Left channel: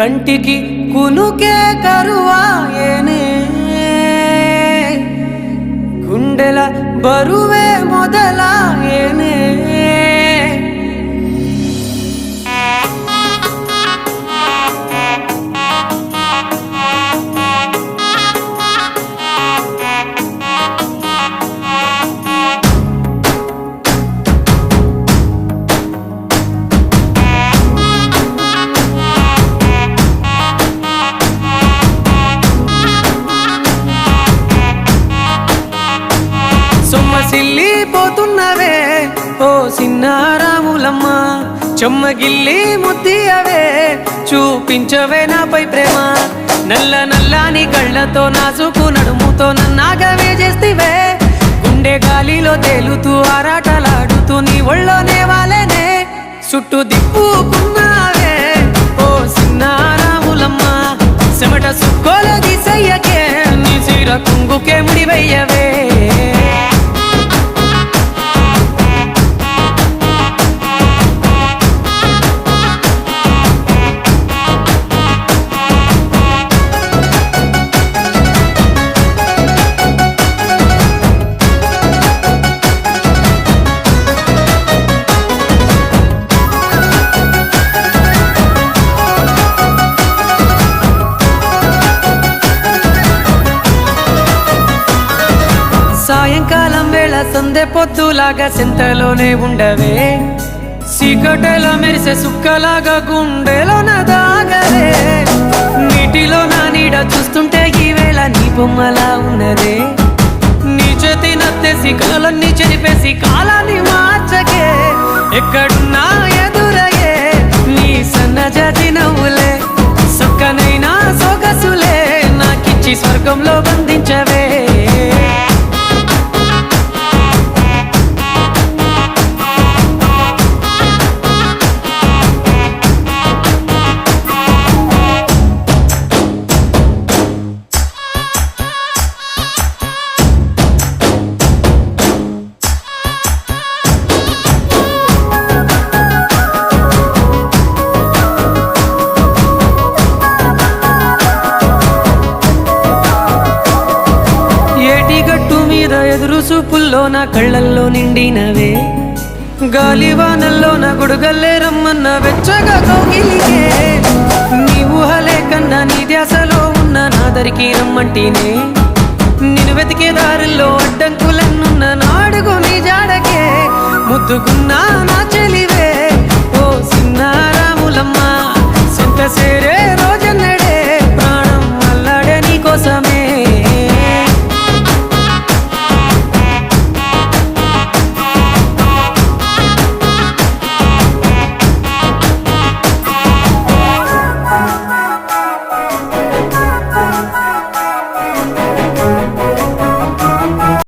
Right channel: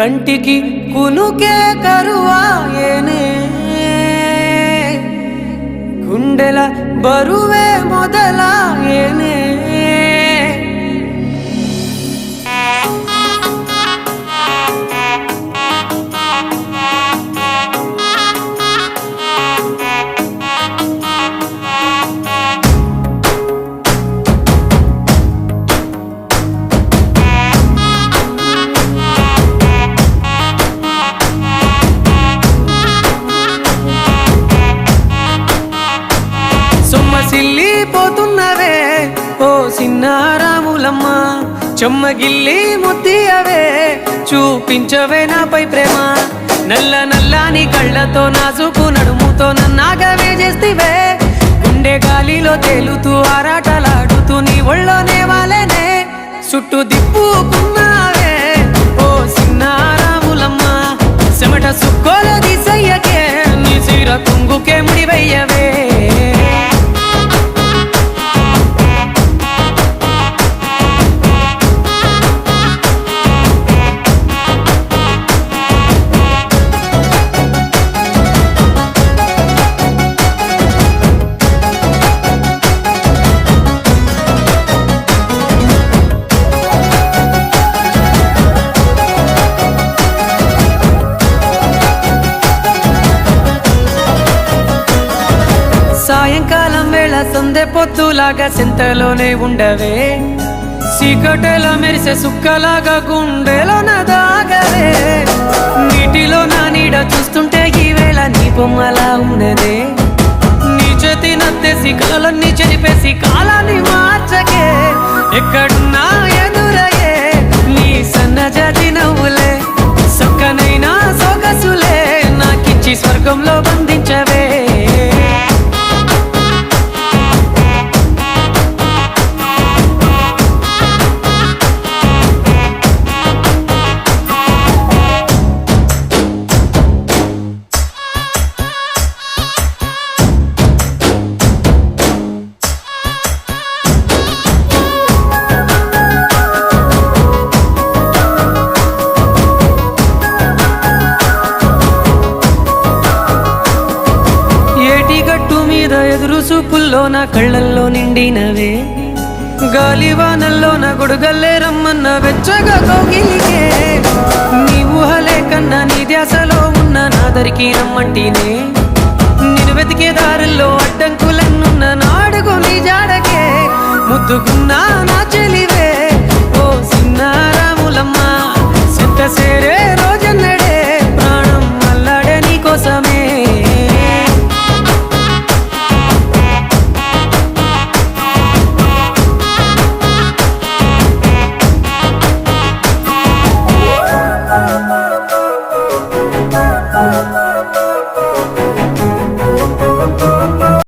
కంటికి కునుకే కరువాయేనే గుండెల బరువే మొదలాయేనే సొమ్మసిల్లిపోతున్నవే ఓ సిన్నారాములమ్మ చెమ్మగిల్లి ముద్దియవే చూపించవే నాపై ప్రేమ నల్ల నల్లాని కళ్ళతో నాజుకు నడుముతో నన్నాగవే చేస్తివే గుండె గాలిలో తేలుతూ ఆరాటలాడుతూ నీ ఒళ్ళోనే వాలేనే చుట్టూ దిప్పుకున్నావే ఓ సిన్నారాములమ్మ చెమట సుక్కోల దిశయ్యకే నీ సిర కుంగుకే ముడివయ్యవే సాయంకాలం వేళ సందె పొద్దులాగా సెంతలోనే ఉండవే సీకటెల మెరిసే సుక్కలాగా గుండెలోన దాగవే నీటిలో నా నీడ చూస్తుంటే ఈ వేళ నీ బొమ్మలా ఉన్నదే నీ చేతి నత్తేసి కలలన్నీ చెరిపేసి కాలాన్ని మార్చకే ఎక్కడున్నా ఎదురయ్యే నీ సన్నజాతి నవ్వులే సక్కనైనా సొగసులే నాకిచ్చి స్వర్గంలో బంధించవే గట్టు మీద ఎదురు చూపుల్లో నా కళ్ళల్లో నిండినవే గాలివానల్లో నా గొడుగల్లే రమ్మన్న వెచ్చగా కౌగిలికే నీ ఊహలే కన్నా నీ ధ్యాసలో ఉన్న నాదరికి రమ్మంటినే నేను వెతికే దారుల్లో అడ్డంకులన్నున్న నాడుగు నీ జాడకే ముద్దుకున్నా నా చెలివే ఓ సిన్నారాములమ్మ సెంత సేరే రోజన్న